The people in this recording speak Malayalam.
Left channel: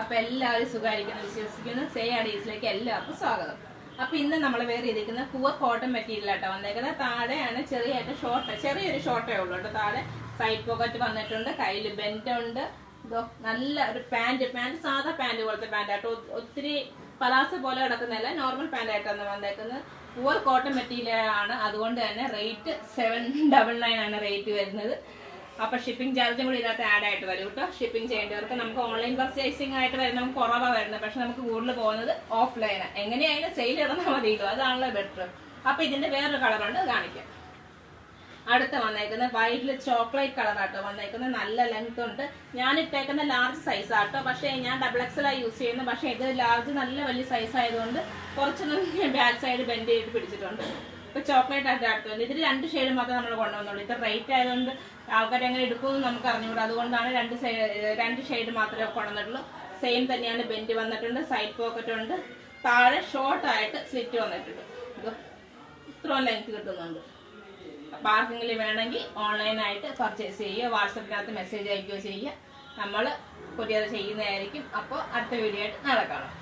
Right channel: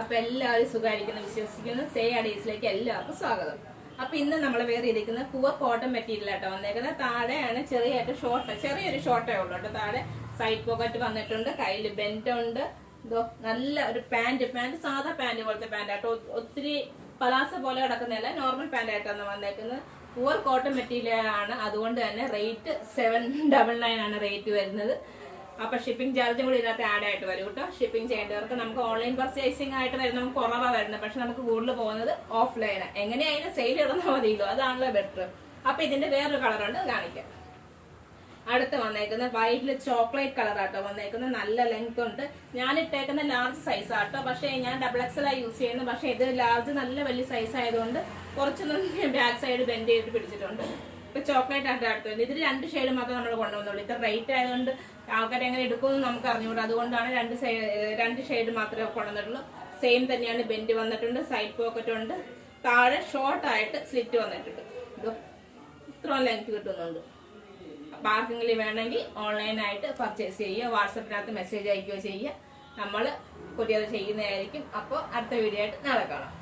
അപ്പൊ എല്ലാവരും സുഖമായിരിക്കുന്നു വിശ്വസിക്കുന്നു. സേയാഡീസിലേക്ക് എല്ലാവർക്കും സ്വാഗതം. അപ്പൊ ഇന്ന് നമ്മൾ വേറെ ഇരിക്കുന്ന പുവർ കോട്ടൺ മെറ്റീരിയൽ ആട്ടോ വന്നേക്കുന്നത്. താഴെയാണ് ചെറിയൊരു ഷോർട്ടേ ഉള്ളൂ കേട്ടോ. താഴെ സൈഡ് പോക്കറ്റ് വന്നിട്ടുണ്ട്, കയ്യിൽ ബെൻഡ് ഉണ്ട്. നല്ല ഒരു പാന്റ് സാധാ പാന്റ് പോലത്തെ പാന്റ് ആട്ടോ. ഒത്തിരി പലാസ പോലെ കിടക്കുന്നതല്ല, നോർമൽ പാന്റ് ആയിട്ടാണ് വന്നേക്കുന്നത്. പുവർ കോട്ടൺ മെറ്റീരിയൽ ആണ്, അതുകൊണ്ട് തന്നെ റേറ്റ് 799 ആണ് റേറ്റ് വരുന്നത്. അപ്പൊ ഷിപ്പിംഗ് ചാർജും കൂടി ഇതിനകത്ത് ആഡ് ആയിട്ട് വരും കേട്ടോ. ഷിപ്പിംഗ് ചെയ്യേണ്ടവർക്ക് നമുക്ക് ഓൺലൈൻ പർച്ചേസിംഗ് ആയിട്ട് വരുന്ന നമുക്ക് കുറവാണ് വരുന്നത്, പക്ഷെ നമുക്ക് കൂടുതൽ പോകുന്നത് ഓഫ്ലൈന്. എങ്ങനെയായാലും സെയിൽ ഇടുന്നാൽ മതിയല്ലോ, അതാണല്ലോ ബെറ്റർ. അപ്പൊ ഇതിന്റെ വേറൊരു കളറുണ്ട്, കാണിക്കാം. അടുത്ത് വന്നേക്കുന്നത് വൈറ്റിൽ ചോക്ലേറ്റ് കളർ ആട്ടോ വന്നേക്കുന്നത്. നല്ല ലെങ്ത് ഉണ്ട്. ഞാൻ ഇട്ടേക്കുന്ന ലാർജ് സൈസ് ആട്ടോ, പക്ഷേ ഞാൻ XXL യൂസ് ചെയ്യുന്നു. പക്ഷെ ഇത് ലാർജ് നല്ല വലിയ സൈസ് ആയതുകൊണ്ട് കുറച്ചൊന്നും ബാക്ക് സൈഡ് ബെൻഡ് ചെയ്ത് പിടിച്ചിട്ടുണ്ട്. ഇപ്പൊ ചോക്ലേറ്റ് ആയിട്ട് അടുത്തുണ്ട്. ഇതിൽ 2 ഷെയ്ഡ് മാത്രമേ നമ്മൾ കൊണ്ടുവന്നുള്ളൂ. ഇത് റേറ്റ് ആയതുകൊണ്ട് ആൾക്കാർ എങ്ങനെ എടുക്കുമെന്ന് നമുക്ക് അറിഞ്ഞൂടാ, അതുകൊണ്ടാണ് 2 ഷെയ്ഡ് മാത്രമേ കൊണ്ടുവന്നിട്ടുള്ളൂ. സെയിം തന്നെയാണ്, ബെൻഡ് വന്നിട്ടുണ്ട്, സൈഡ് പോക്കറ്റ് ഉണ്ട്, താഴെ ഷോർട്ട് ആയിട്ട് സ്ലിറ്റ് വന്നിട്ടുണ്ട്. ഇത് ഇത്രയും ലെങ്ത് കിട്ടുന്നുണ്ട്. അപ്പൊ ആർക്കെങ്കിലും വേണമെങ്കിൽ ഓൺലൈനായിട്ട് പർച്ചേസ് ചെയ്യുക, വാട്സപ്പിനകത്ത് മെസ്സേജ് അയക്കുകയോ ചെയ്യുക. നമ്മൾ കൊറിയർ ചെയ്യുന്നതായിരിക്കും. അപ്പോൾ അടുത്ത വീഡിയോ ആയിട്ട് നാളെ കാണാം.